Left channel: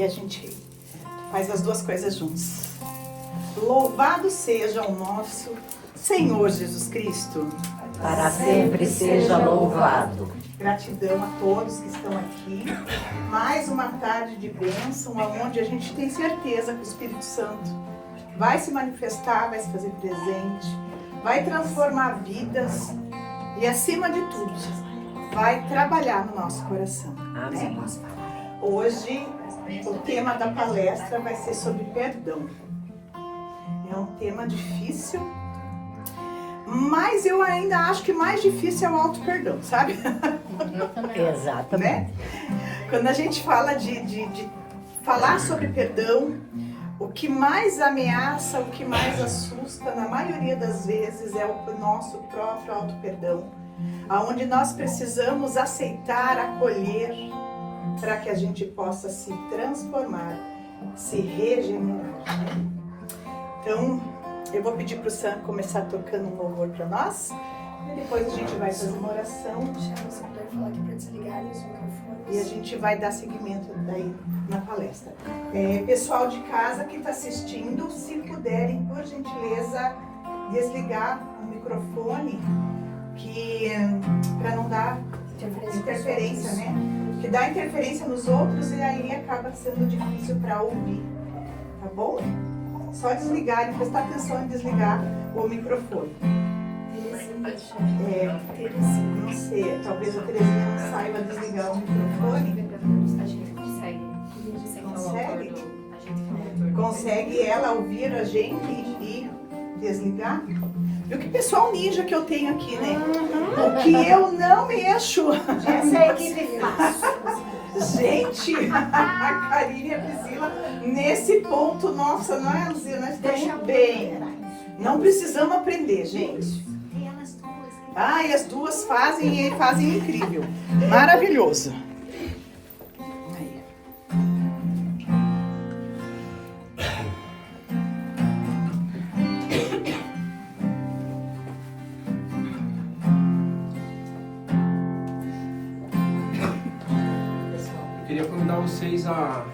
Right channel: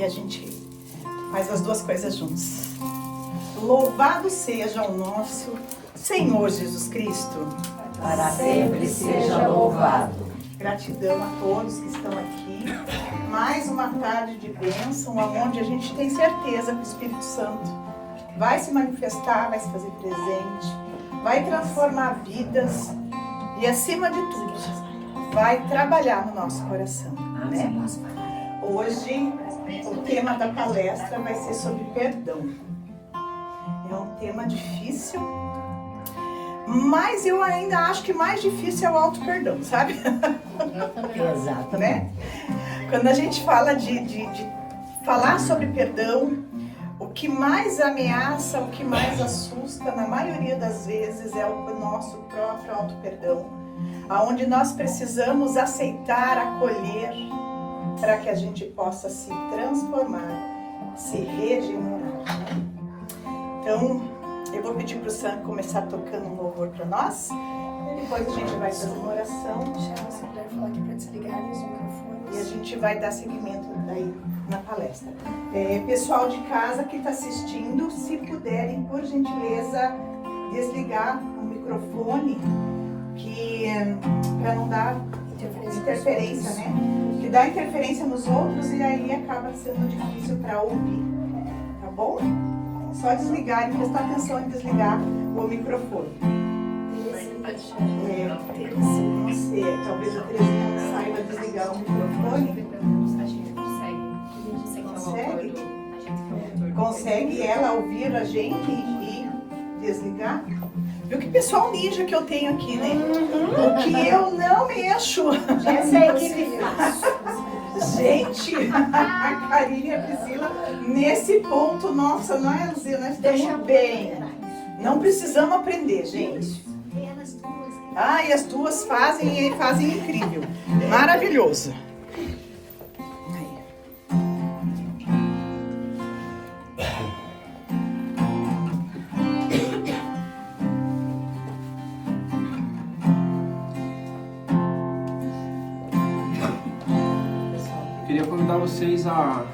e a gente faz as duas coisas juntos. Louvado seja o nosso Senhor Jesus Cristo. Para sempre seja louvado. Gratidão a todos que estão aqui. Mais uma tarde de bênção, onde a gente tem certeza que o Espírito Santo vai se manifestar, vai se fazer presente, vai transformar vidas e, acima de tudo, vai trabalhar no nosso coração, né? Hoje, o tema da palestra vai ser sobre perdão. É um tema difícil, mas eu ainda acho que mais difícil é o auto-perdão, sabe? Exato, Né? Quando a gente fala de falar sobre perdão, o que mais ameaça, o que mais assusta, na maioria das vezes, é o nosso próprio auto-perdão, onde nós precisamos aceitar, acolher, para que a gente possa se transformar, se regenerar. Então, eu vou pedir para o Sam começar tocando um louvor para nós, e depois a gente vai fazer uma oração. Se puder falar aqui para desligarem os microfones. E a gente vai dar seguimento daí na palestra. Pessoal de casa que está assistindo, se puderem, por gentileza, desligar o microfone, para não dar interferência, né? Que dá interferência nos outros e aí acaba sendo difícil para ouvir, tá bom? Só desligar e prestar atenção em desligar o microfone. Não sei, talvez a Terezinha não saiba desligar o microfone. Consegue? Consegue ela ouvir a gente e desligar? Viu que pessoal ninja que eu tenho aqui, né? O que eu não mexo. Essa é a equipe fácil. Gente, a Karine e a Priscila, nesse ponto, nossa, nós estamos bem. Não precisamos aprender, gente. E as duas fazem incrível. Maravilhoso. Aí. Eu queria convidar vocês a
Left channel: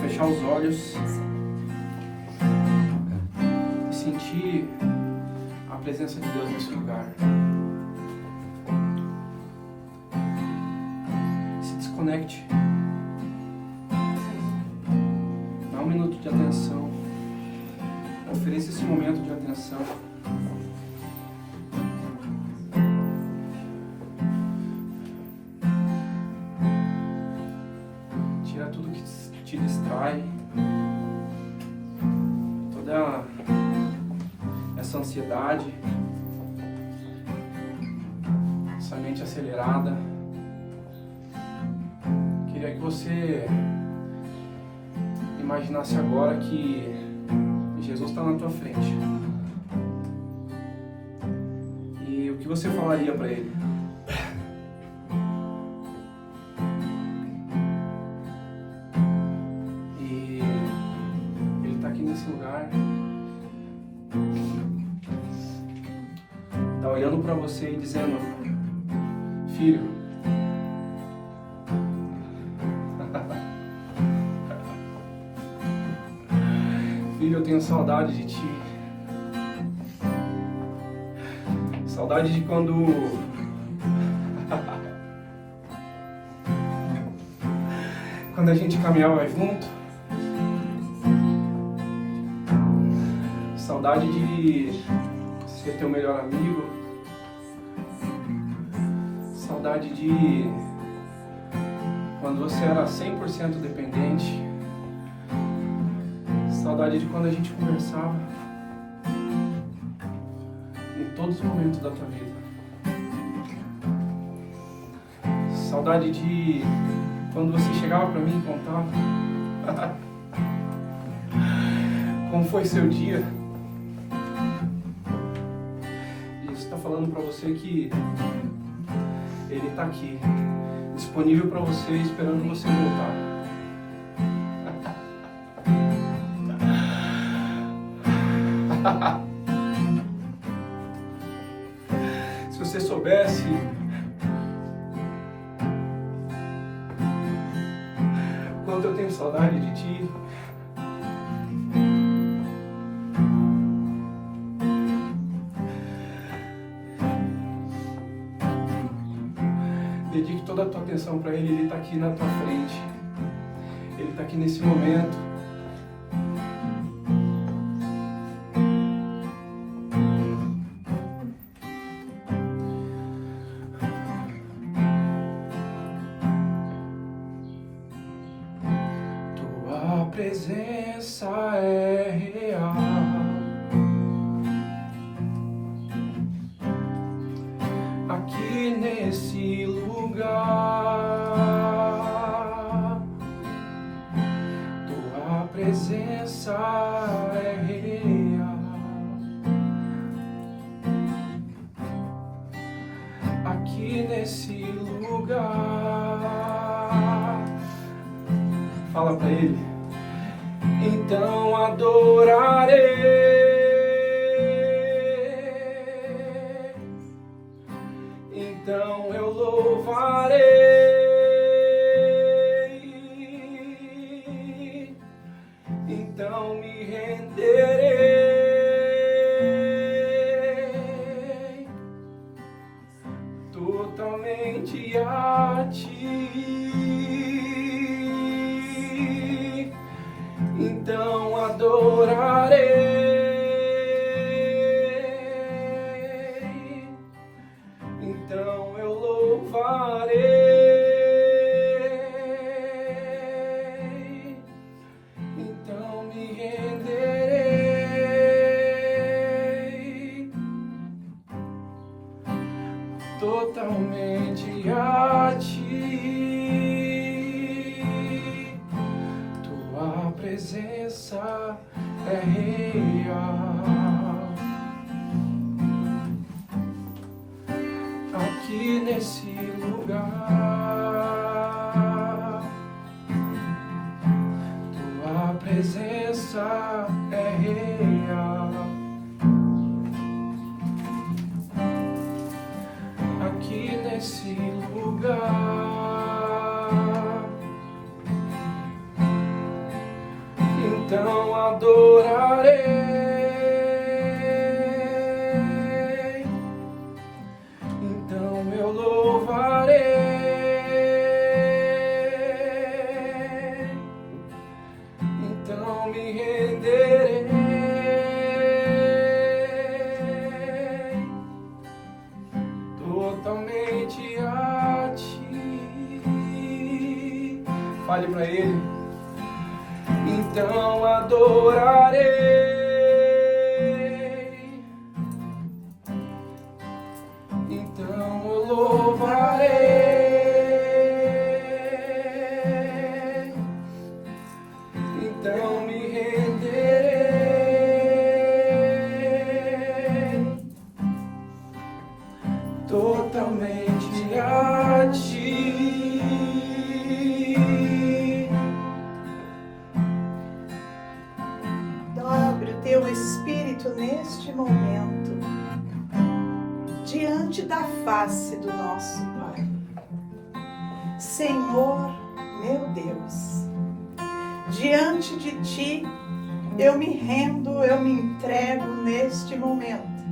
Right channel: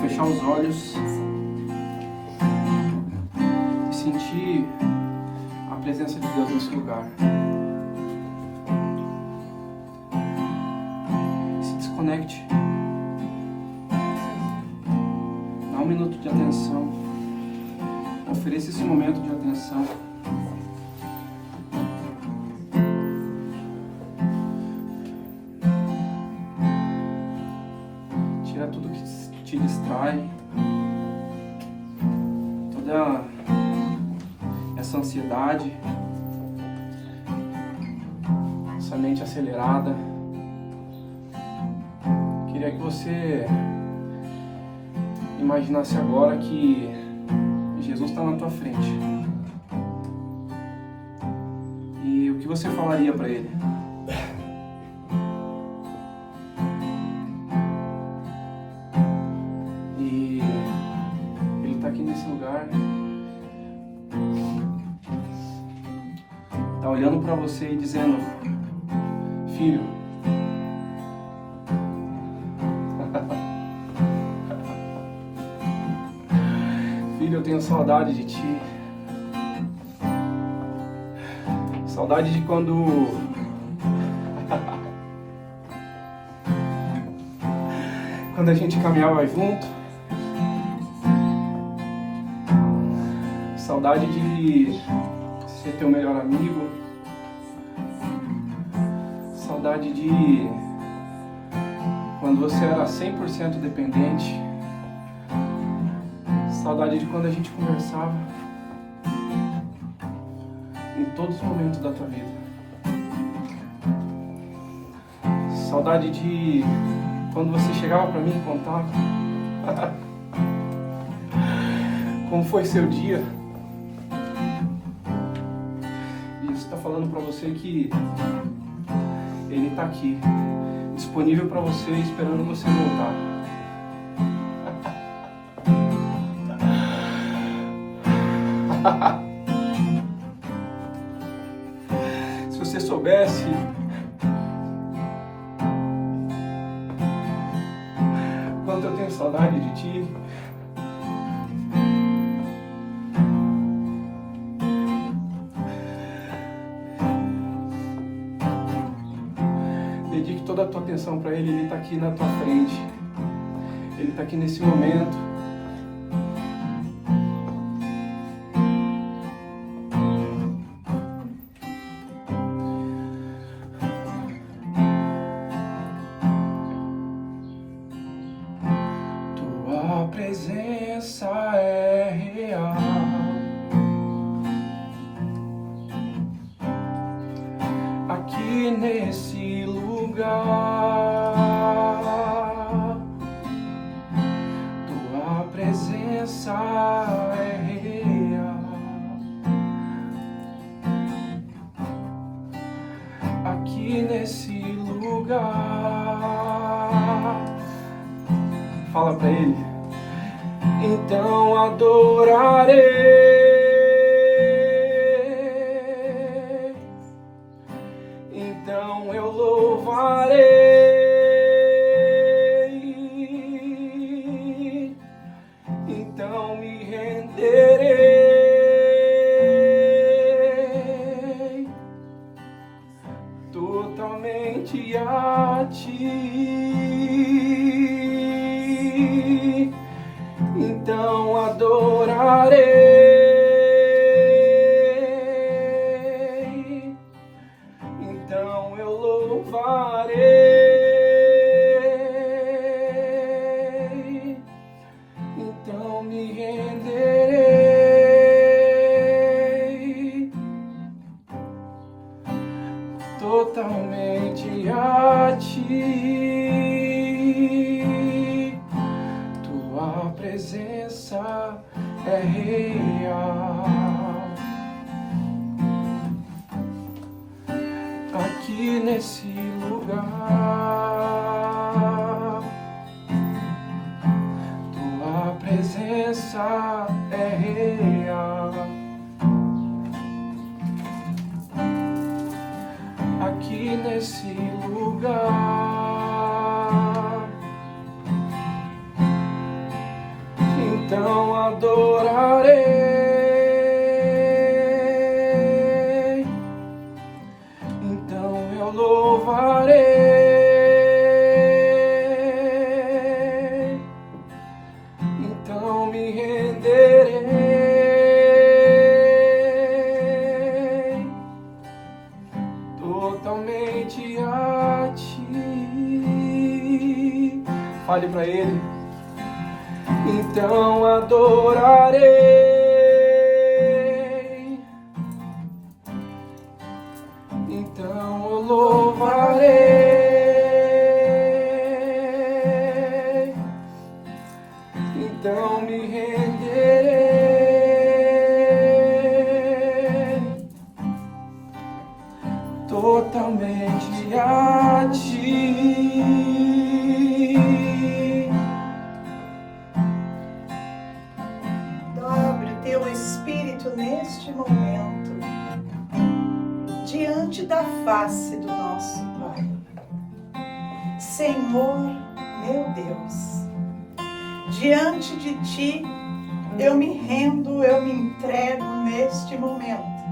fechar os olhos e sentir a presença de Deus nesse lugar. Se desconecte. Dá um minuto de atenção. Ofereça esse momento de atenção. Tira tudo que te distrai. Toda essa ansiedade, essa mente acelerada. Queria que você imaginasse agora que Jesus está na tua frente. E o que você falaria para Ele? E Ele está aqui nesse lugar. Está olhando para você e dizendo: filho, filho, eu tenho saudade de ti. Saudade de quando quando a gente caminhava junto. Saudade de ser teu melhor amigo. Saudade de quando você era 100% dependente. Saudade de quando a gente conversava em todos os momentos da tua vida. Saudade de quando você chegava pra mim e contava como foi seu dia. E isso tá falando pra você que Ele tá aqui, disponível pra você, esperando você voltar. Se você soubesse quanto eu tenho saudade de ti. Dedique toda a tua atenção para Ele. Ele está aqui na tua frente. Ele está aqui nesse momento. Tua presença é real. Aqui nesse lugar, tua presença é real. Aqui nesse lugar, fala pra Ele. Então adorarei, então eu louvarei, então me renderei totalmente a ti. Então adorarei, então eu louvarei, então me renderei totalmente a ti. Tua presença é real. Aqui nesse lugar, tua presença é real. Aqui nesse lugar, então adorarei, então eu louvarei, então me renderei totalmente a ti. Fale para Ele. Então adorarei, então eu louvarei, então me renderei totalmente a ti. Dobre o teu espírito neste momento, diante da face do nosso Pai. Senhor, meu Deus, diante de Ti, eu me rendo, eu me entrego neste momento,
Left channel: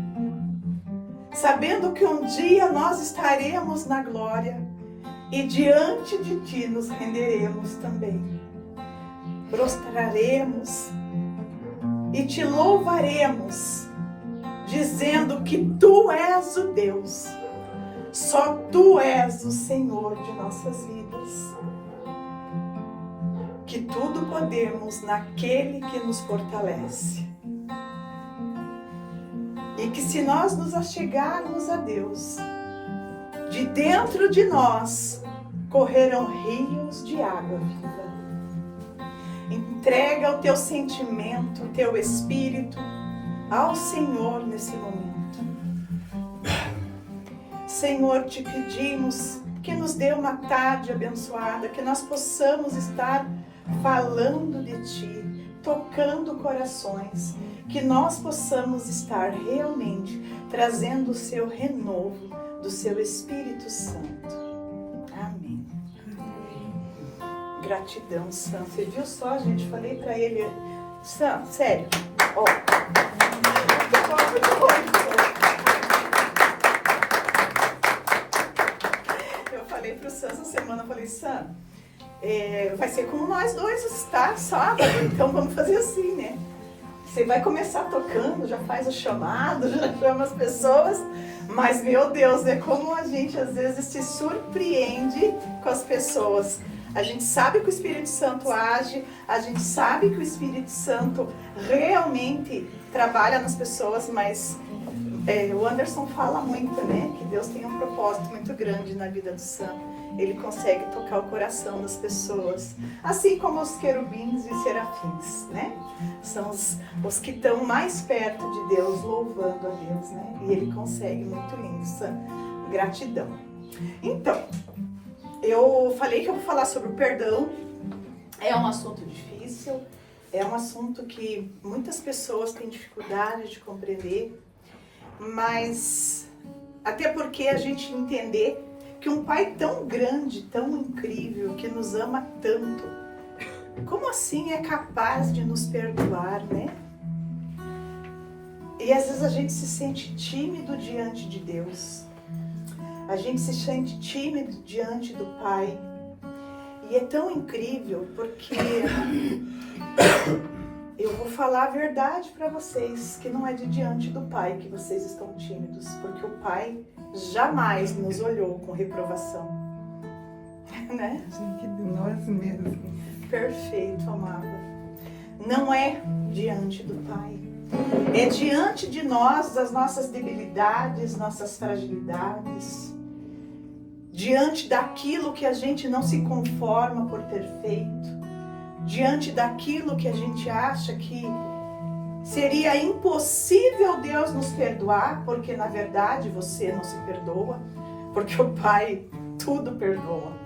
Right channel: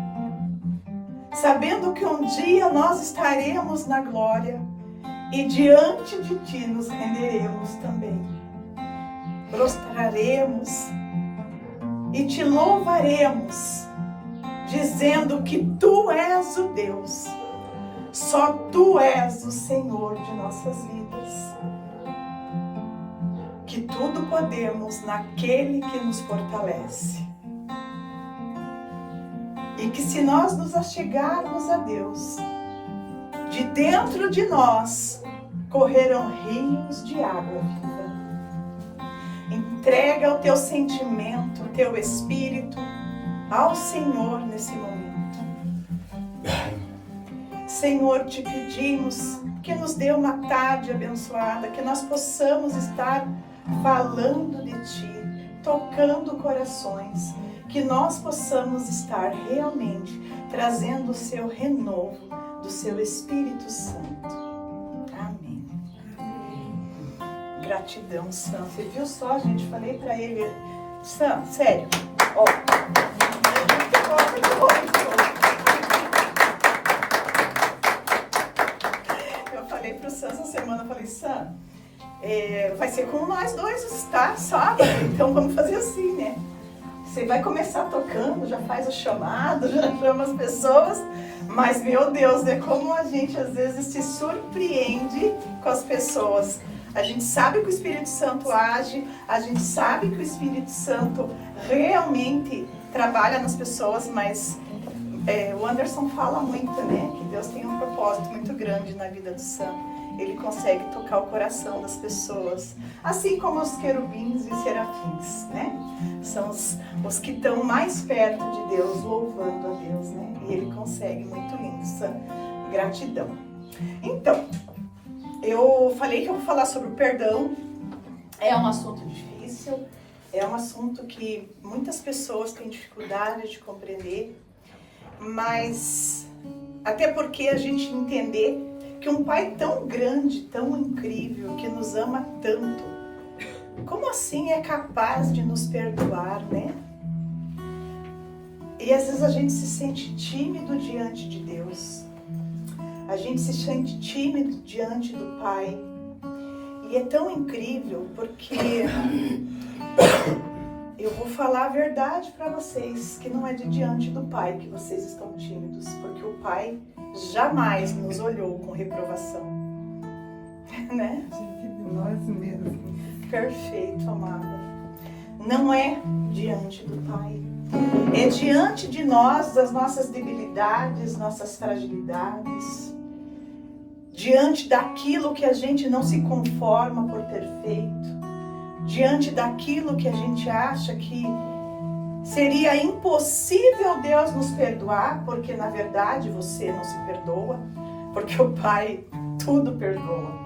sabendo que um dia nós estaremos na glória e diante de Ti nos renderemos também. Prostraremos e Te louvaremos, dizendo que Tu és o Deus, só Tu és o Senhor de nossas vidas. Que tudo podemos naquele que nos fortalece. E que se nós nos achegarmos a Deus, de dentro de nós correrão rios de água viva. Entrega o teu sentimento, o teu espírito ao Senhor nesse momento. Senhor, te pedimos que nos dê uma tarde abençoada, que nós possamos estar falando de Ti, tocando corações, que nós possamos estar realmente trazendo o Seu renovo do Seu Espírito Santo. Amém. Gratidão, Sam. Você viu só, gente? Falei pra ele, Sam, sério, ó. Eu falei pro Sam essa semana, eu falei, Sam, vai ser com nós dois, tá? Sábado, então vamos fazer assim, né? Você vai começar tocando, já faz o chamado, já chama as pessoas, mas, meu Deus, é como a gente às vezes se surpreende com as pessoas. A gente sabe que o Espírito Santo age, a gente sabe que o Espírito Santo realmente trabalha nas pessoas, mas o Anderson fala muito, né? Que Deus tem um propósito muito grande na vida do Sam. Ele consegue tocar o coração das pessoas, assim como os querubins e serafins, né? São os que estão mais perto de Deus, louvando a Deus, né? E ele consegue, muito lindo, Sam. Gratidão. Então, eu falei que eu vou falar sobre o perdão. É um assunto difícil, é um assunto que muitas pessoas têm dificuldade de compreender, mas até porque a gente entender que um pai tão grande, tão incrível, que nos ama tanto, como assim é capaz de nos perdoar, né? E às vezes a gente se sente tímido diante de Deus. A gente se sente tímido diante do Pai. E é tão incrível porque eu vou falar a verdade para vocês, que não é de diante do Pai que vocês estão tímidos, porque o Pai jamais nos olhou com reprovação. Né? Diante de nós mesmos. Perfeito, amada. Não é diante do Pai. É diante de nós, das nossas debilidades, nossas fragilidades. Diante daquilo que a gente não se conforma por ter feito. Diante daquilo que a gente acha que seria impossível Deus nos perdoar, porque na verdade você não se perdoa, porque o Pai tudo perdoa.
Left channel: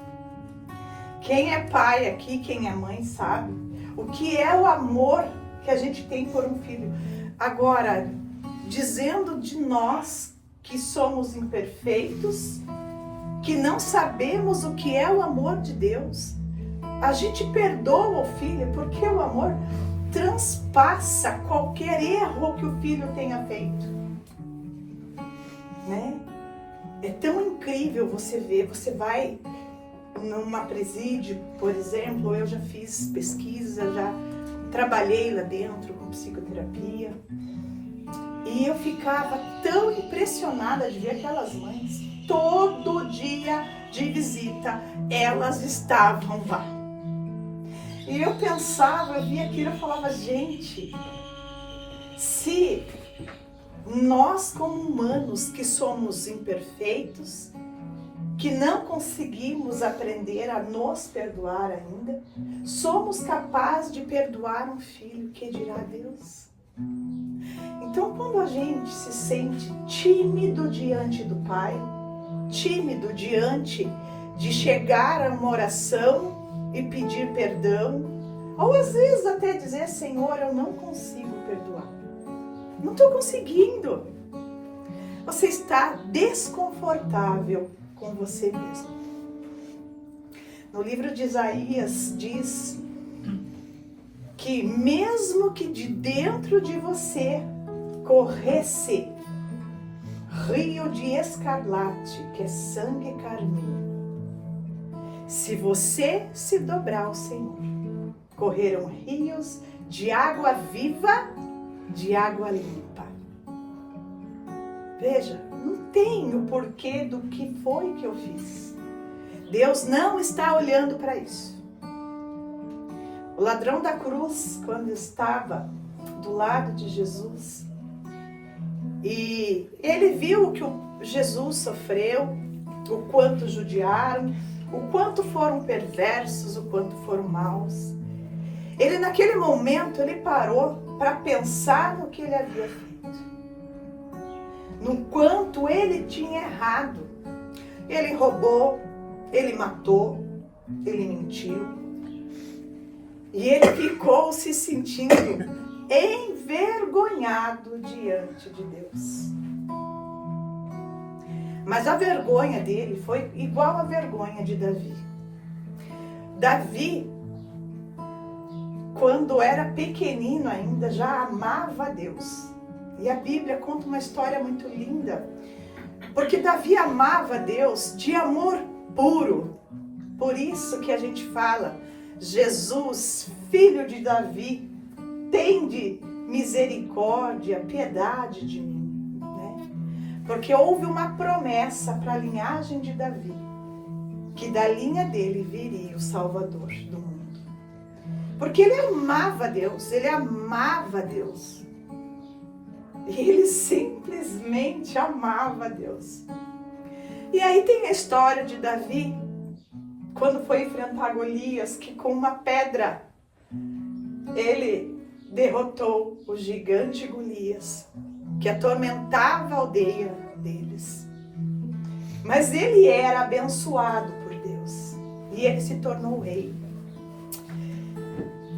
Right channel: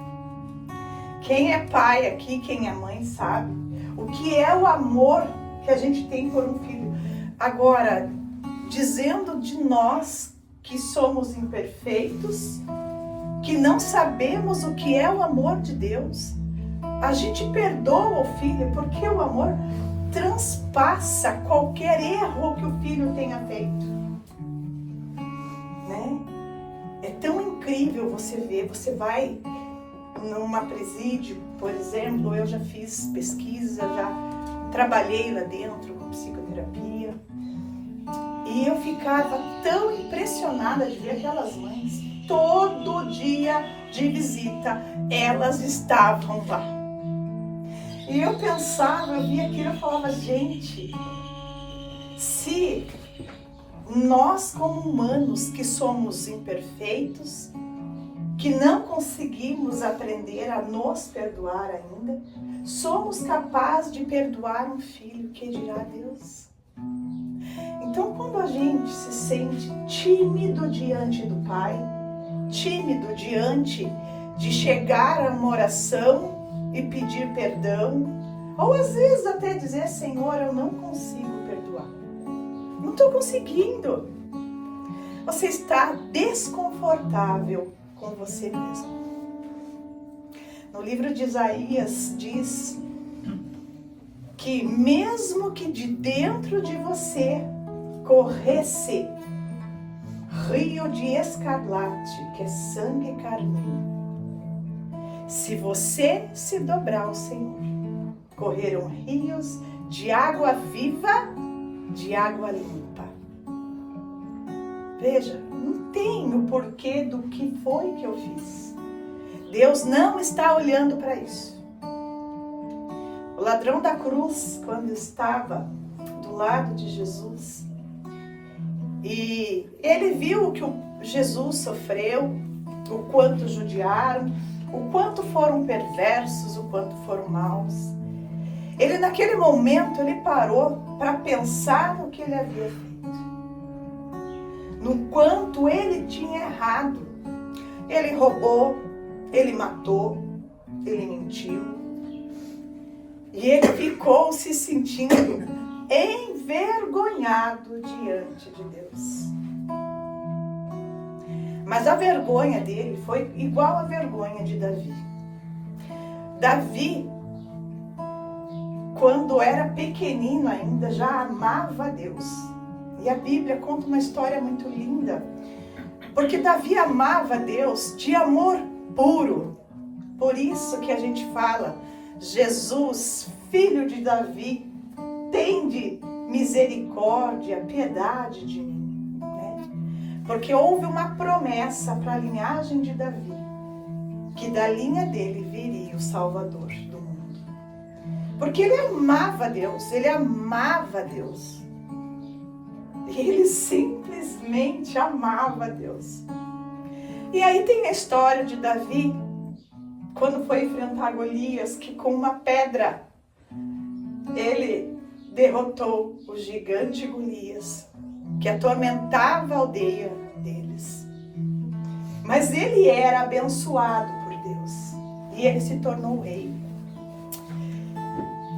Quem é pai aqui, quem é mãe, sabe o que é o amor que a gente tem por um filho. Agora, dizendo de nós que somos imperfeitos, que não sabemos o que é o amor de Deus, a gente perdoa o filho porque o amor transpassa qualquer erro que o filho tenha feito, né? É tão incrível você ver, você vai numa presídio, por exemplo, eu já fiz pesquisa, já trabalhei lá dentro com psicoterapia, e eu ficava tão impressionada de ver aquelas mães, todo dia de visita, elas estavam lá. E eu pensava, eu via aquilo e falava, gente, se nós como humanos que somos imperfeitos, que não conseguimos aprender a nos perdoar ainda, somos capazes de perdoar um filho, que dirá Deus? Então, quando a gente se sente tímido diante do Pai, tímido diante de chegar a uma oração e pedir perdão, ou às vezes até dizer, Senhor, eu não consigo perdoar, não estou conseguindo, você está desconfortável com você mesmo. No livro de Isaías diz que mesmo que de dentro de você corresse rio de escarlate, que é sangue carmim, se você se dobrar ao Senhor, correrão rios de água viva, de água limpa. Veja, não tem o porquê do que foi que eu fiz. Deus não está olhando para isso. O ladrão da cruz, quando estava do lado de Jesus, e ele viu que Jesus sofreu, o quanto judiaram, o quanto foram perversos, o quanto foram maus. Ele naquele momento, ele parou para pensar no que ele havia feito. No quanto ele tinha errado. Ele roubou, ele matou, ele mentiu. E ele ficou se sentindo envergonhado diante de Deus. Mas a vergonha dele foi igual à vergonha de Davi. Davi quando era pequenino ainda, já amava a Deus. E a Bíblia conta uma história muito linda, porque Davi amava a Deus de amor puro. Por isso que a gente fala, Jesus, filho de Davi, tende misericórdia, piedade de mim, né? Porque houve uma promessa para a linhagem de Davi, que da linha dele viria o Salvador do mundo. Porque ele amava Deus, ele amava Deus. E ele simplesmente amava Deus. E aí tem a história de Davi, quando foi enfrentar Golias, que com uma pedra ele derrotou o gigante Golias, que atormentava a aldeia deles. Mas ele era abençoado por Deus e ele se tornou rei.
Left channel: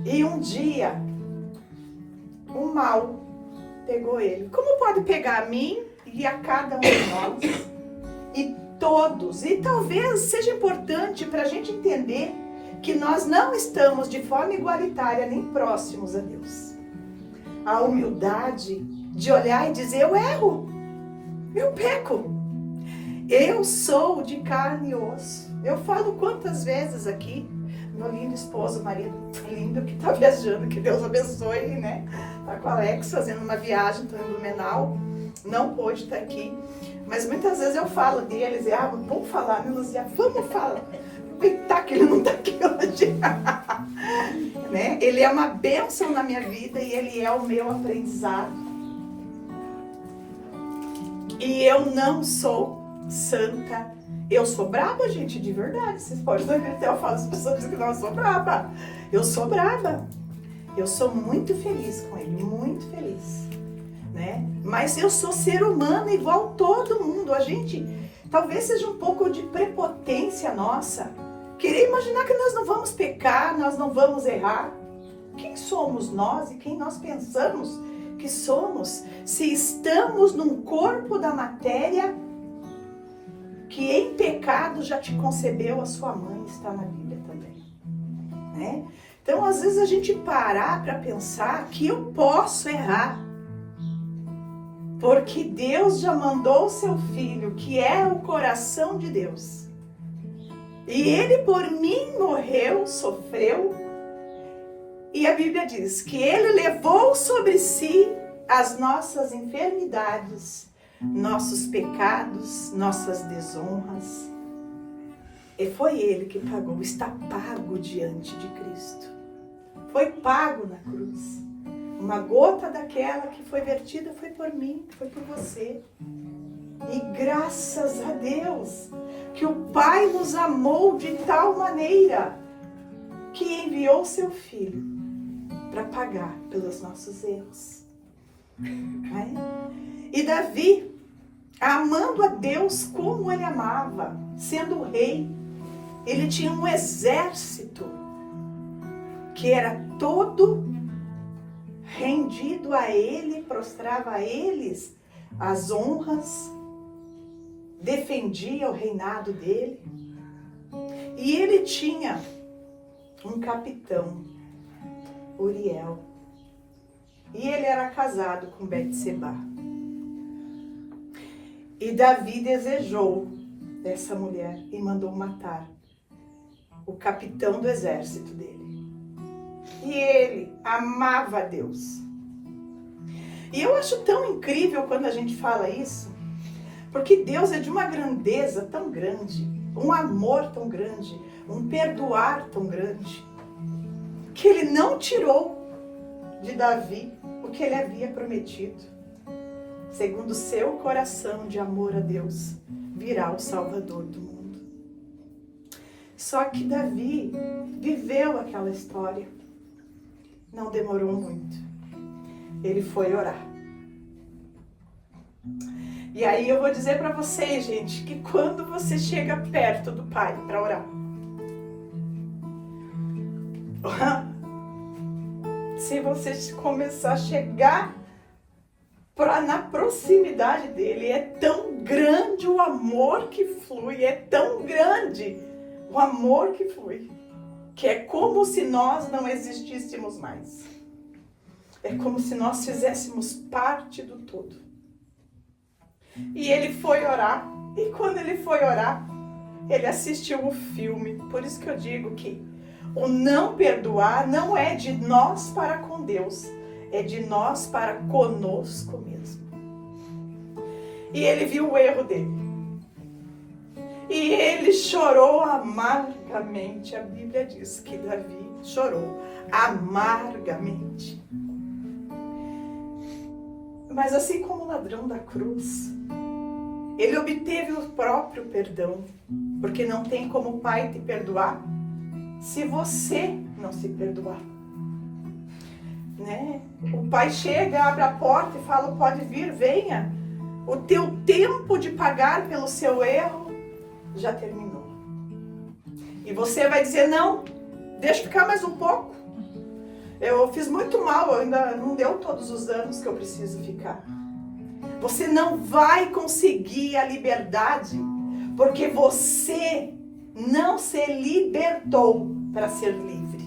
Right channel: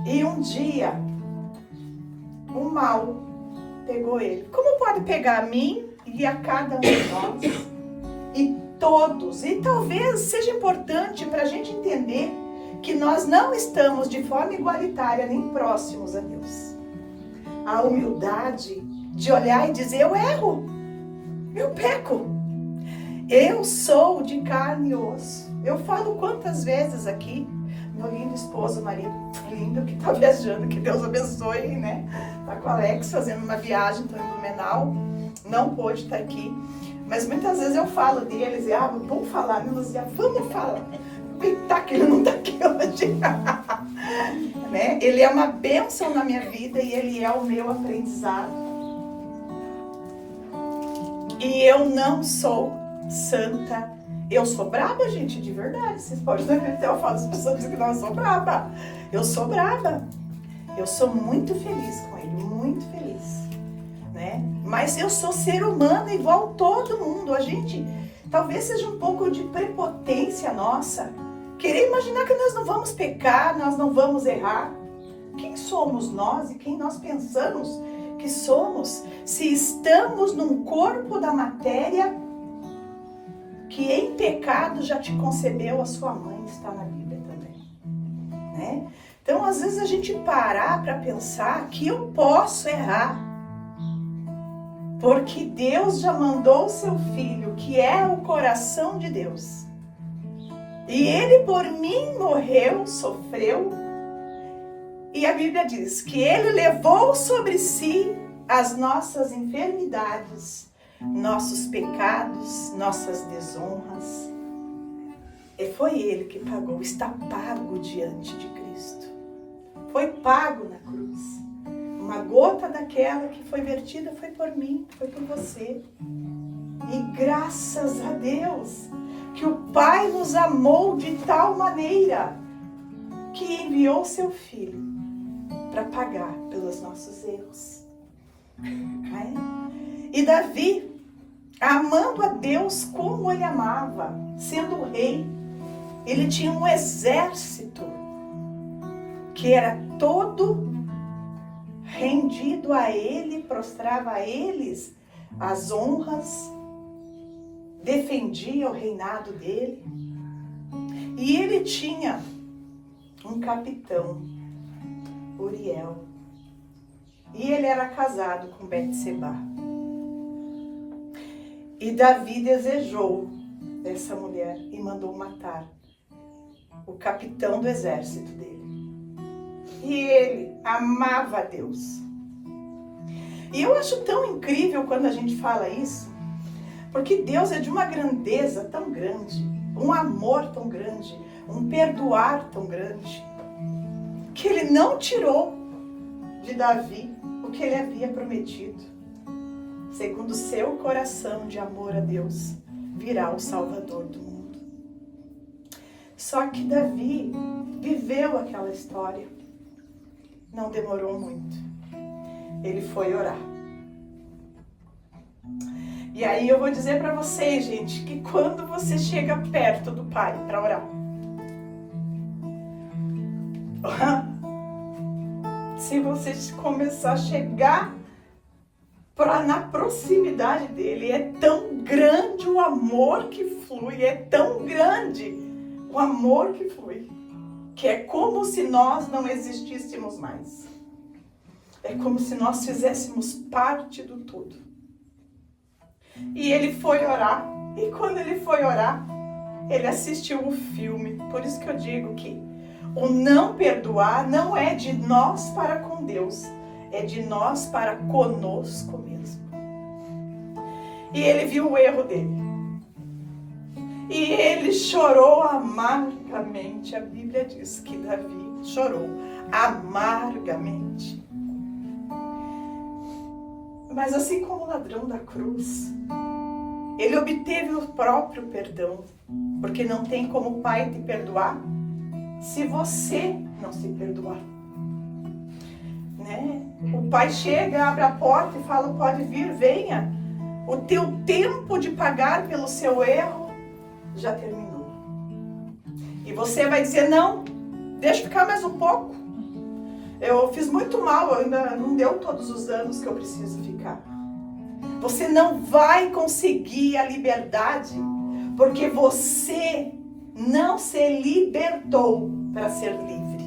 E um dia o mal pegou ele. Como pode pegar a mim e a cada um de nós e todos? E talvez seja importante para a gente entender que nós não estamos de forma igualitária nem próximos a Deus. A humildade de olhar e dizer: eu erro, eu peco, eu sou de carne e osso. Eu falo quantas vezes aqui, meu lindo esposo, marido lindo que está viajando, que Deus abençoe, né? Está com o Alex fazendo uma viagem, estou em Blumenau, não pôde estar aqui, mas muitas vezes eu falo deles, vamos falar, né, Luzia? Vamos falar. Aproveitar que ele não está aqui hoje. Né? Ele é uma bênção na minha vida e ele é o meu aprendizado. E eu não sou santa. Eu sou braba, gente, de verdade. Vocês podem acreditar, eu falo, as pessoas dizem que não, eu sou braba. Eu sou braba. Eu sou muito feliz com ele, muito feliz. Né? Mas eu sou ser humano igual todo mundo. A gente, talvez seja um pouco de prepotência nossa. Querer imaginar que nós não vamos pecar, nós não vamos errar. Quem somos nós e quem nós pensamos que somos, se estamos num corpo da matéria que em pecado já te concebeu a sua mãe, está na Bíblia também, né? Então, às vezes a gente parar para pensar que eu posso errar, porque Deus já mandou o seu Filho, que é o coração de Deus, e ele por mim morreu, sofreu, e a Bíblia diz que ele levou sobre si as nossas enfermidades, nossos pecados, nossas desonras. E foi ele que pagou, está pago diante de Cristo. Foi pago na cruz. Uma gota daquela que foi vertida foi por mim, foi por você. E graças a Deus que o Pai nos amou de tal maneira que enviou seu Filho para pagar pelos nossos erros. E Davi, amando a Deus como ele amava, sendo rei, ele tinha um exército que era todo rendido a ele, prostrava a eles as honras, defendia o reinado dele. E ele tinha um capitão, Uriel, e ele era casado com Betseba. E Davi desejou dessa mulher e mandou matar o capitão do exército dele. E ele amava a Deus. E eu acho tão incrível quando a gente fala isso, porque Deus é de uma grandeza tão grande, um amor tão grande, um perdoar tão grande, que ele não tirou de Davi o que ele havia prometido. Segundo o seu coração de amor a Deus, virá o Salvador do mundo. Só que Davi viveu aquela história. Não demorou muito. Ele foi orar. E aí eu vou dizer para vocês, gente, que quando você chega perto do Pai para orar, se você começar a chegar na proximidade dele, é tão grande o amor que flui, é tão grande o amor que flui, que é como se nós não existíssemos mais. É como se nós fizéssemos parte do todo. E ele foi orar. E quando ele foi orar, ele assistiu o filme. Por isso que eu digo que o não perdoar não é de nós para com Deus, é de nós para conosco mesmo. E ele viu o erro dele. E ele chorou amargamente. A Bíblia diz que Davi chorou amargamente. Mas assim como o ladrão da cruz, ele obteve o próprio perdão, porque não tem como o Pai te perdoar se você não se perdoar. Né? O Pai chega, abre a porta e fala, pode vir, venha. O teu tempo de pagar pelo seu erro já terminou. E você vai dizer, não, deixa ficar mais um pouco. Eu fiz muito mal, ainda não deu todos os anos que eu preciso ficar. Você não vai conseguir a liberdade, porque você não se libertou para ser livre.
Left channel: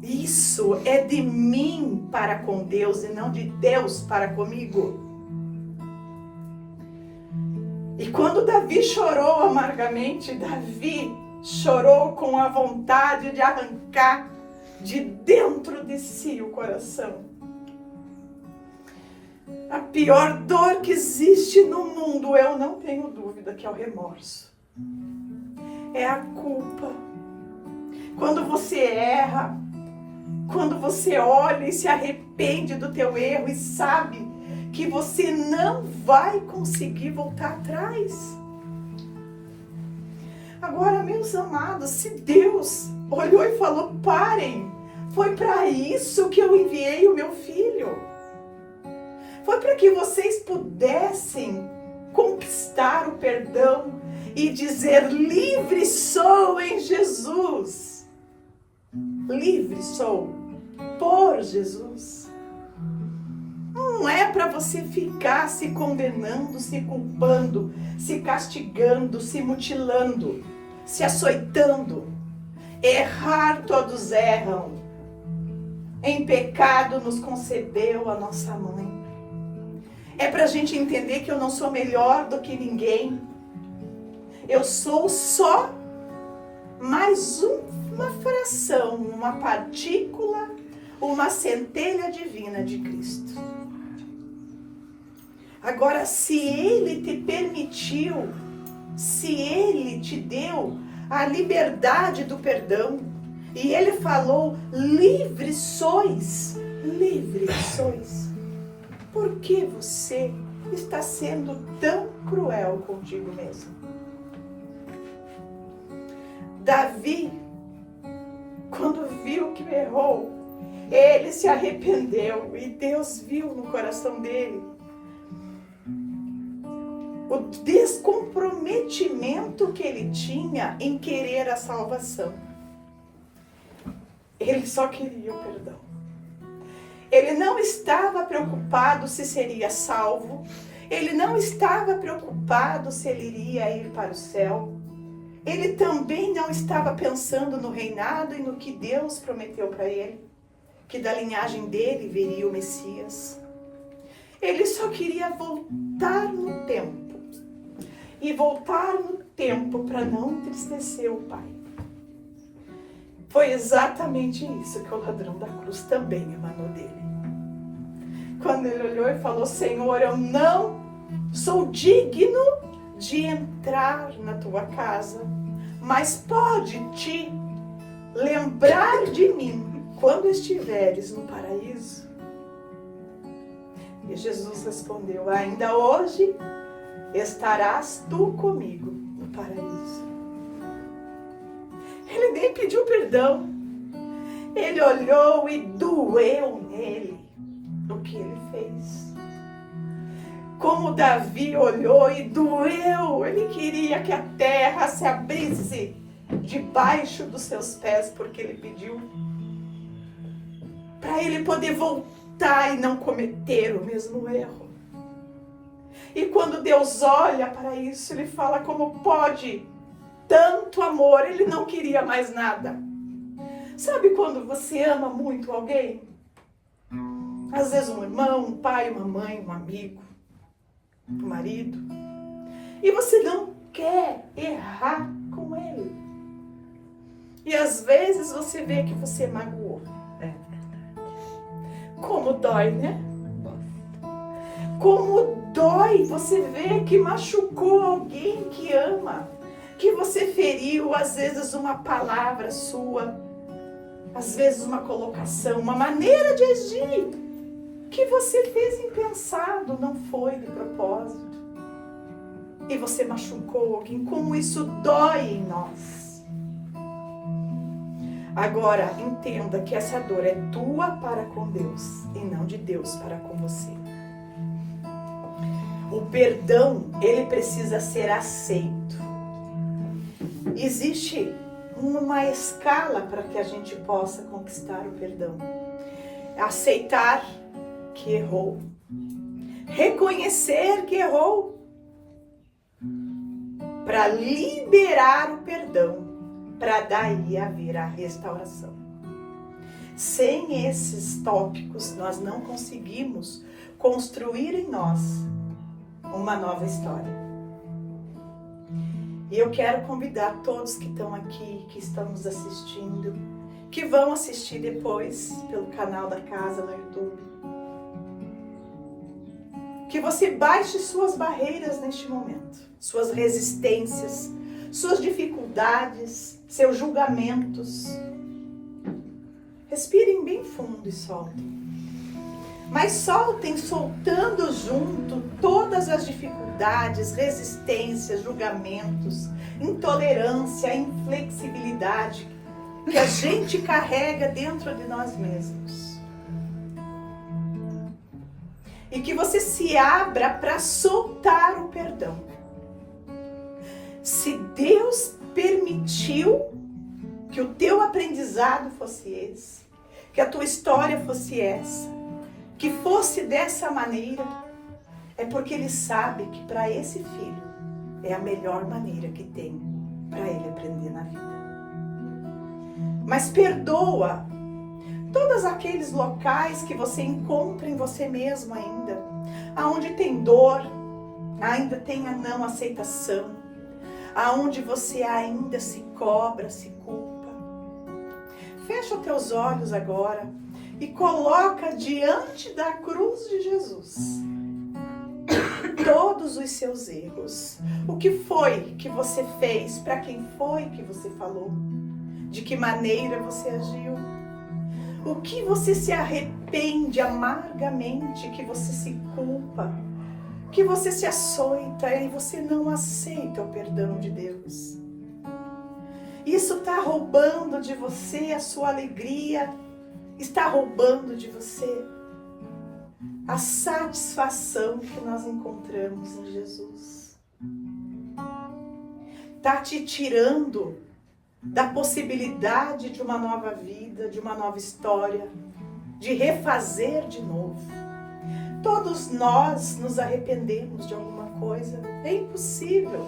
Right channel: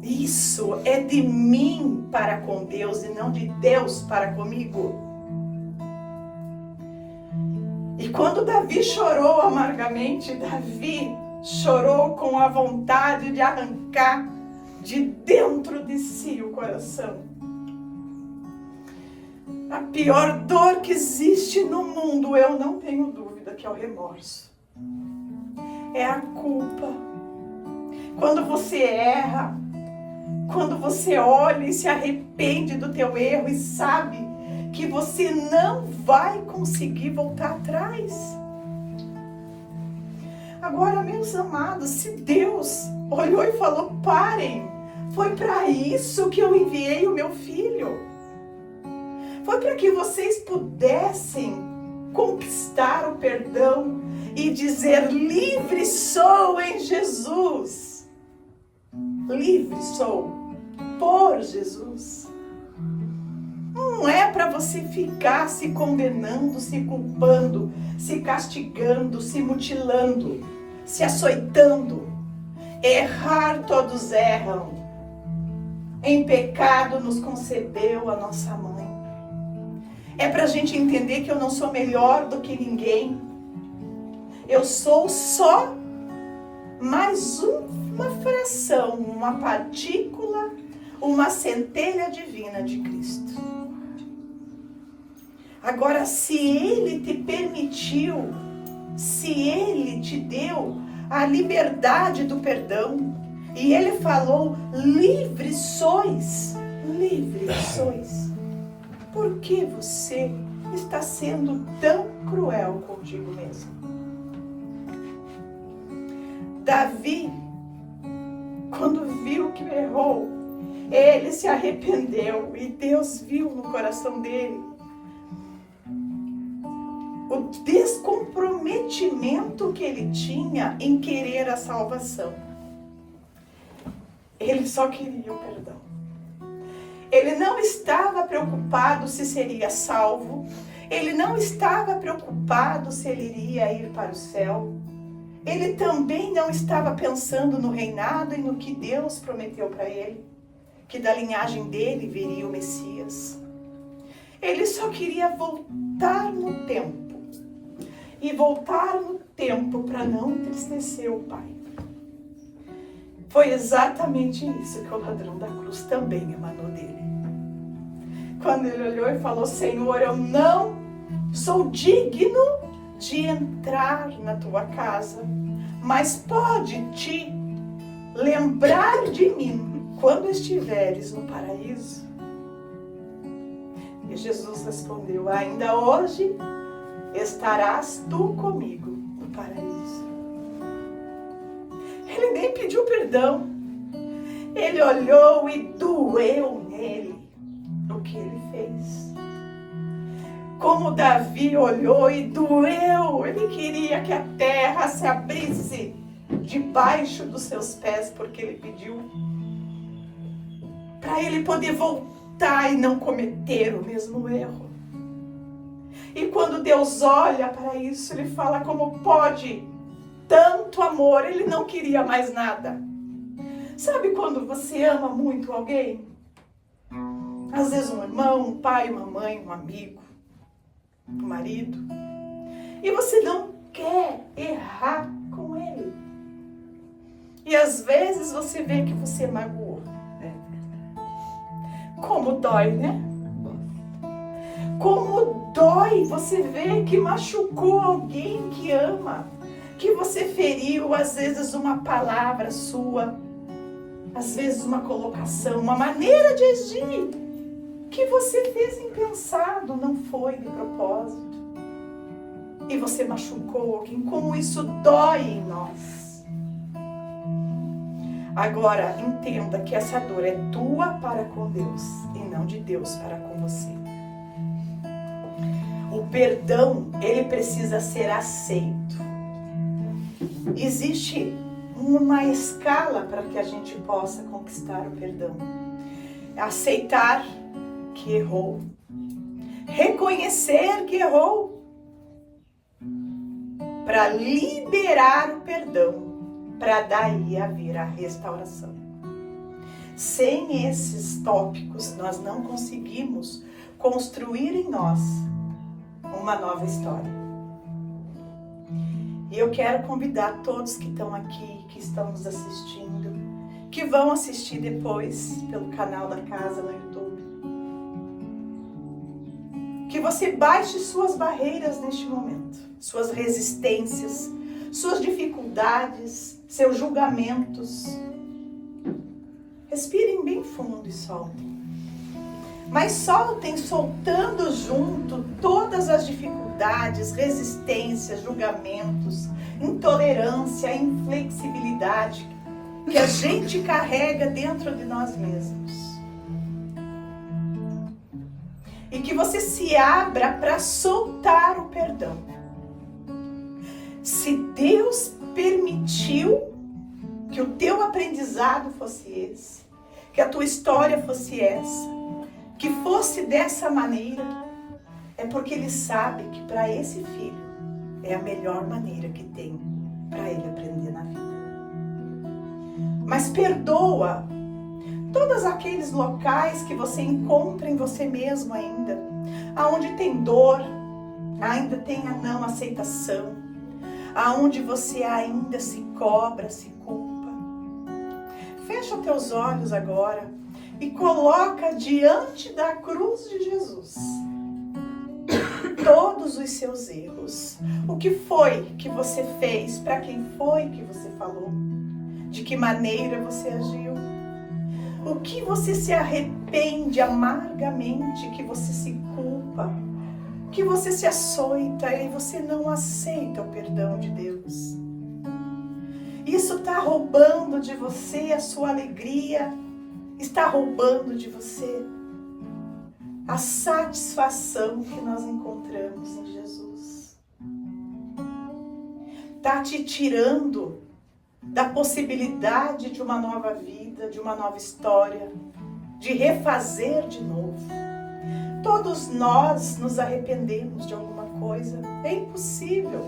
Isso é de mim para com Deus e não de Deus para comigo. E quando Davi chorou amargamente, Davi chorou com a vontade de arrancar de dentro de si o coração. A pior dor que existe no mundo, eu não tenho dúvida que é o remorso. É a culpa. Quando você erra, quando você olha e se arrepende do teu erro e sabe que você não vai conseguir voltar atrás. Agora, meus amados, se Deus olhou e falou, parem, foi para isso que eu enviei o meu filho. Foi para que vocês pudessem conquistar o perdão e dizer, livre sou em Jesus. Livre sou por Jesus. Não é para você ficar se condenando, se culpando, se castigando, se mutilando, se açoitando. Errar todos erram. Em pecado nos concebeu a nossa mãe. É para a gente entender que eu não sou melhor do que ninguém. Eu sou só mais uma fração, uma partícula, uma centelha divina de Cristo. Agora, se Ele te permitiu, se Ele te deu a liberdade do perdão, e Ele falou, livres sois, por que você está sendo tão cruel contigo mesmo? Davi, quando viu que errou, ele se arrependeu e Deus viu no coração dele o descomprometimento que ele tinha em querer a salvação. Ele só queria o perdão. Ele não estava preocupado se seria salvo. Ele não estava preocupado se ele iria ir para o céu. Ele também não estava pensando no reinado e no que Deus prometeu para ele, que da linhagem dele viria o Messias. Ele só queria voltar no tempo. E voltar no tempo para não entristecer o Pai. Foi exatamente isso que o ladrão da cruz também emanou dele. Quando ele olhou e falou, Senhor, eu não sou digno de entrar na tua casa, mas pode te lembrar de mim quando estiveres no paraíso. E Jesus respondeu, ainda hoje estarás tu comigo no paraíso. Ele nem pediu perdão. Ele olhou e doeu nele o que ele fez. Como Davi olhou e doeu, ele queria que a terra se abrisse debaixo dos seus pés, porque ele pediu para ele poder voltar e não cometer o mesmo erro. E quando Deus olha para isso, ele fala, como pode tanto amor, ele não queria mais nada. Sabe quando você ama muito alguém? Às vezes um irmão, um pai, uma mãe, um amigo, um marido. E você não quer errar com ele. E às vezes você vê que você magoou. Como dói, né? Como dói você ver que machucou alguém que ama, que você feriu, às vezes uma palavra sua, às vezes uma colocação, uma maneira de agir que você fez impensado, não foi de propósito. E você machucou alguém, como isso dói em nós. Agora, entenda que essa dor é tua para com Deus e não de Deus para com você. O perdão, ele precisa ser aceito. Existe uma escala para que a gente possa conquistar o perdão. Aceitar que errou. Reconhecer que errou. Para liberar o perdão. Para daí haver a restauração. Sem esses tópicos, nós não conseguimos construir em nós uma nova história. E eu quero convidar todos que estão aqui, que estão nos assistindo, que vão assistir depois pelo canal da casa no YouTube, que você baixe suas barreiras neste momento, suas resistências, suas dificuldades, seus julgamentos. Respirem bem fundo e soltem. Mas soltem soltando junto todas as dificuldades, resistências, julgamentos, intolerância, inflexibilidade que a gente carrega dentro de nós mesmos. E que você se abra para soltar o perdão. Se Deus permitiu que o teu aprendizado fosse esse, que a tua história fosse essa, que fosse dessa maneira, é porque Ele sabe que para esse filho é a melhor maneira que tem para ele aprender na vida. Mas perdoa todos aqueles locais que você encontra em você mesmo ainda, aonde tem dor, ainda tem a não aceitação, aonde você ainda se cobra, se culpa. Fecha teus olhos agora e coloca diante da cruz de Jesus todos os seus erros. O que foi que você fez? Para quem foi que você falou? De que maneira você agiu? O que você se arrepende amargamente, que você se culpa, que você se açoita e você não aceita o perdão de Deus? Isso está roubando de você a sua alegria, está roubando de você a satisfação que nós encontramos em Jesus. Está te tirando da possibilidade de uma nova vida, de uma nova história, de refazer de novo. Todos nós nos arrependemos de alguma coisa, é impossível.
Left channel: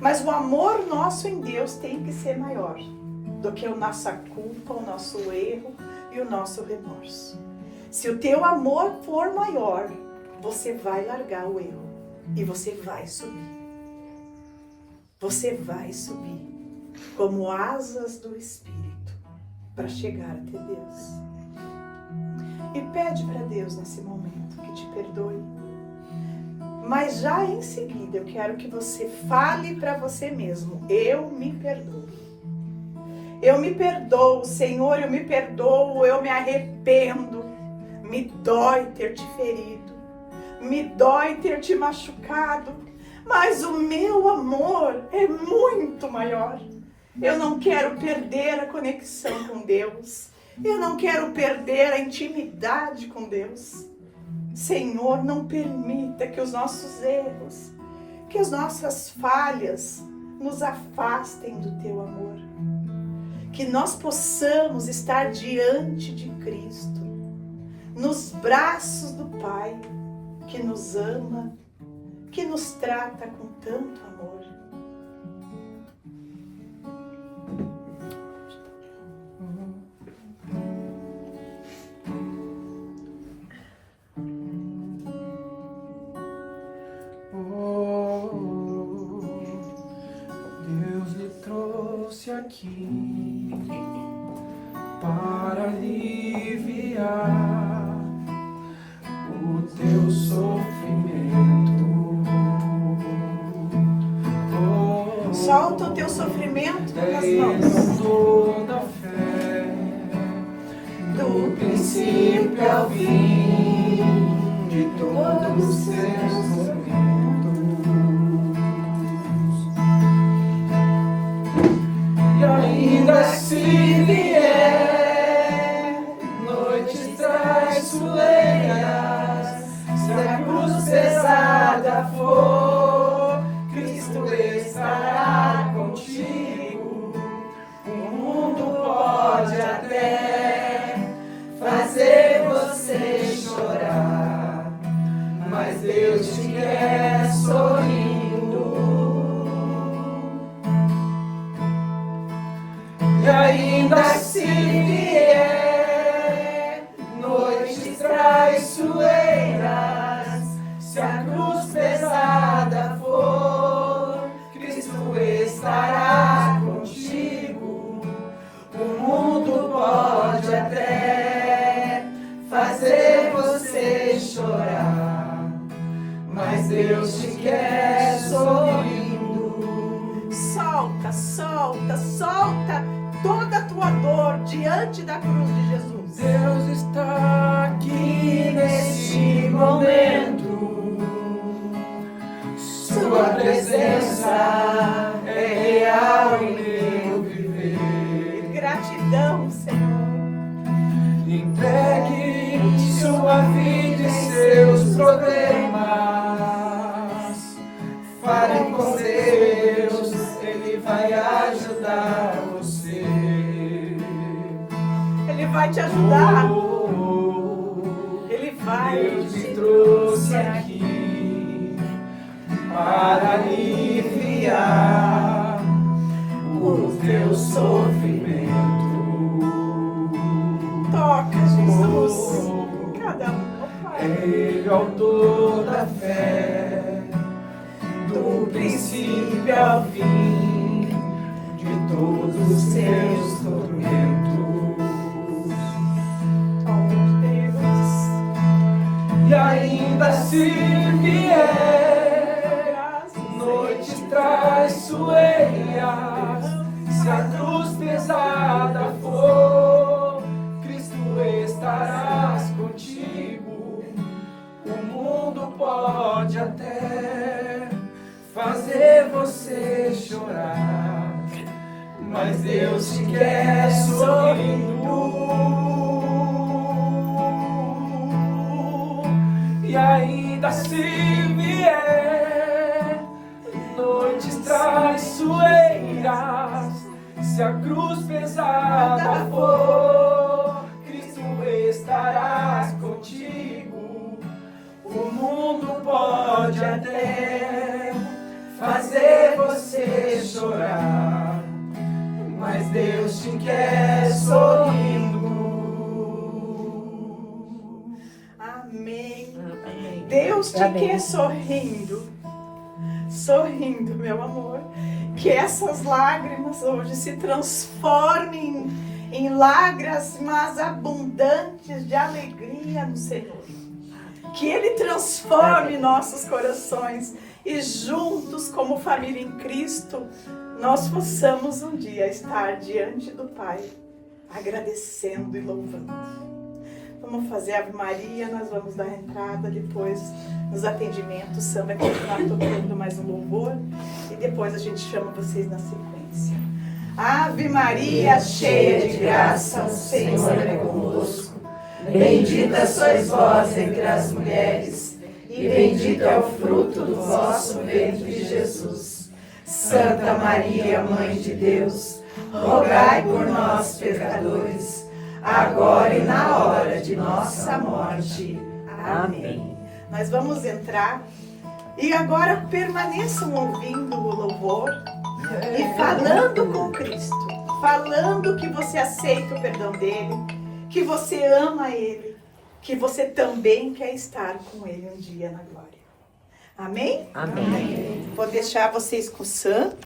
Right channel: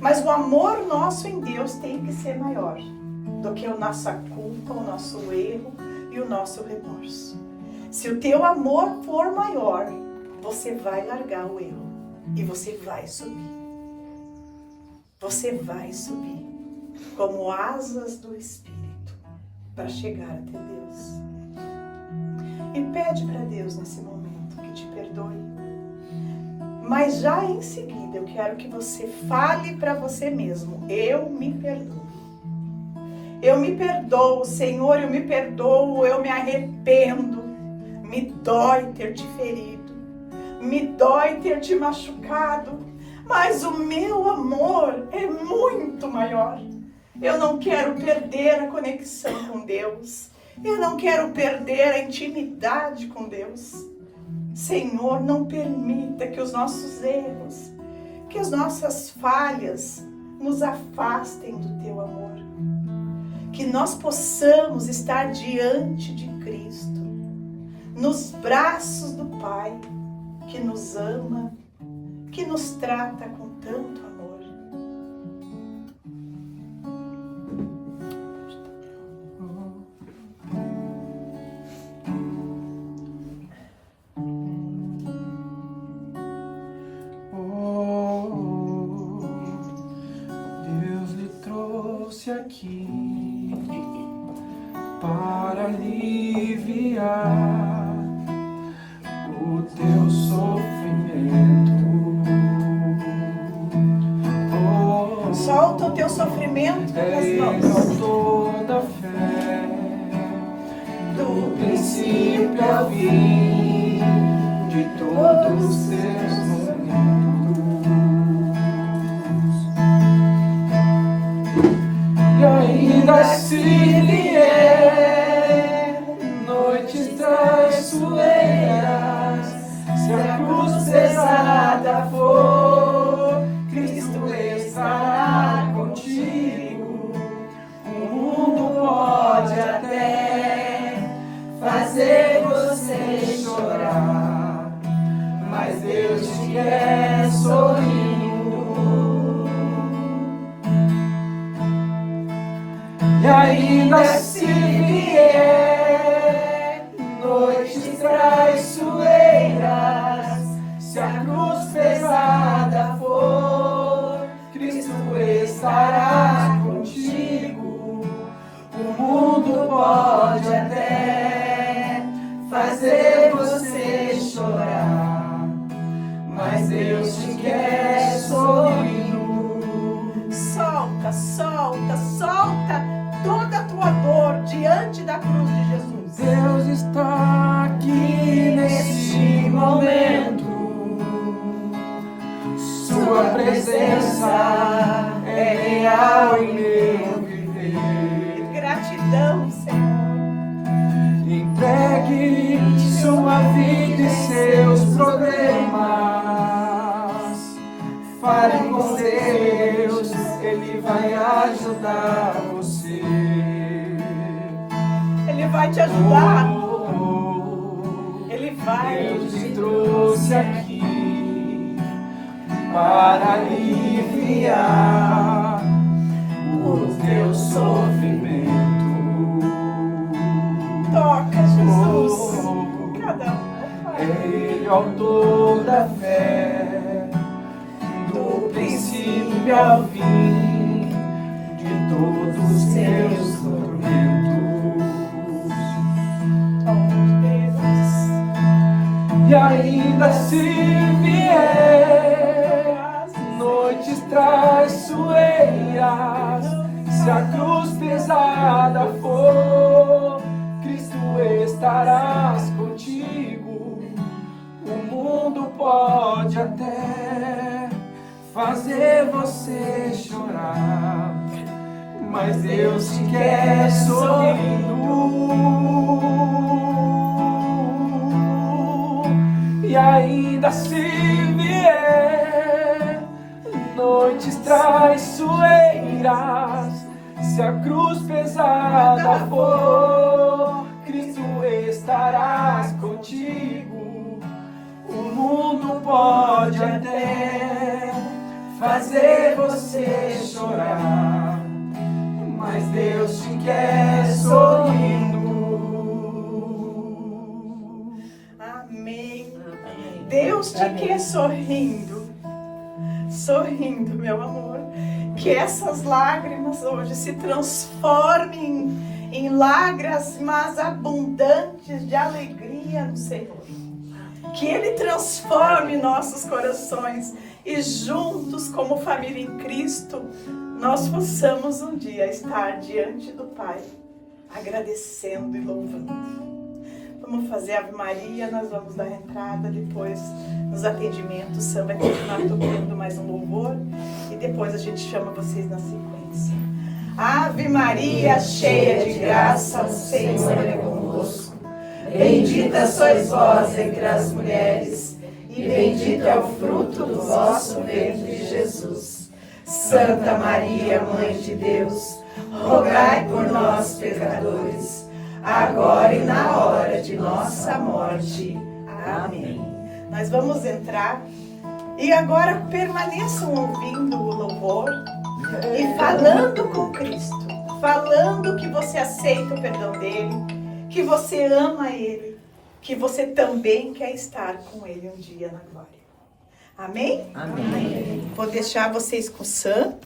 Mas o amor nosso em Deus tem que ser maior do que a nossa culpa, o nosso erro e o nosso remorso. Se o teu amor for maior, você vai largar o erro e você vai subir. Você vai subir como asas do Espírito para chegar até Deus. E pede para Deus nesse momento que te perdoe. Mas já em seguida eu quero que você fale para você mesmo: eu me perdoo. Eu me perdoo, Senhor, eu me perdoo, eu me arrependo. Me dói ter te ferido, me dói ter te machucado, mas o meu amor é muito maior. Eu não quero perder a conexão com Deus, eu não quero perder a intimidade com Deus. Senhor, não permita que os nossos erros, que as nossas falhas nos afastem do teu amor. Que nós possamos estar diante de Cristo, nos braços do Pai, que nos ama, que nos trata com tanto amor. aqui para aliviar o teu sofrimento. Oh, Solta o teu sofrimento nas Ele é mãos. autor da fé, do princípio ao fim, de todos os seus momentos. E ainda se vier noites traiçoeiras, se a cruz pesada for, Cristo estará contigo. O mundo pode até fazer você chorar, mas Deus te quer sorrindo. E ainda se vier noites traiçoeiras, se a cruz pesada for, Cristo estará contigo. O mundo pode até fazer você chorar, mas Deus te quer sorrindo. Solta, solta, solta toda a tua dor diante da cruz de Jesus. Deus está aqui neste momento. Sua presença é real em meu viver. Gratidão, Senhor. Entregue sua vida e seus problemas. Fale com Deus, Ele vai ajudar você. Ele vai te ajudar. Oh, Ele vai. Deus te trouxe aqui para aliviar o teu sofrimento. Toca, Jesus. Cada um. Ele é o autor da fé, do princípio ao fim, de todos os seus tormentos. Oh, Deus. E ainda se vier noites traiçoeiras, se a cruz pesada for, Cristo estarás contigo. O mundo pode até fazer você chorar, mas Deus te quer sorrindo. E ainda se vier noites traiçoeiras, se a cruz pesada for, Cristo estarás contigo. O mundo pode até fazer você chorar, mas Deus te quer sorrindo. Amém. Amém. Deus te Amém. quer sorrindo. Sorrindo, meu amor. Que essas lágrimas hoje se transformem em lágrimas abundantes de alegria no Senhor. Que Ele transforme nossos corações e juntos, como família em Cristo, nós possamos um dia estar diante do Pai, agradecendo e louvando. Vamos fazer Ave Maria, nós vamos dar entrada depois nos atendimentos. O Sam vai continuar tocando mais um louvor e depois a gente chama vocês na sequência. Ave Maria, cheia de graça, o Senhor é convosco. Bendita sois vós entre as mulheres, e bendito é o fruto do vosso ventre, Jesus. Santa Maria, Mãe de Deus, rogai por nós, pecadores, agora e na hora de nossa morte. Amém. Nós vamos entrar e agora permaneçam ouvindo o louvor e falando com Cristo, falando que você aceita o perdão dele, que você ama Ele, que você também quer estar com Ele um dia na glória. Amém? Amém. Vou deixar vocês com o Sam.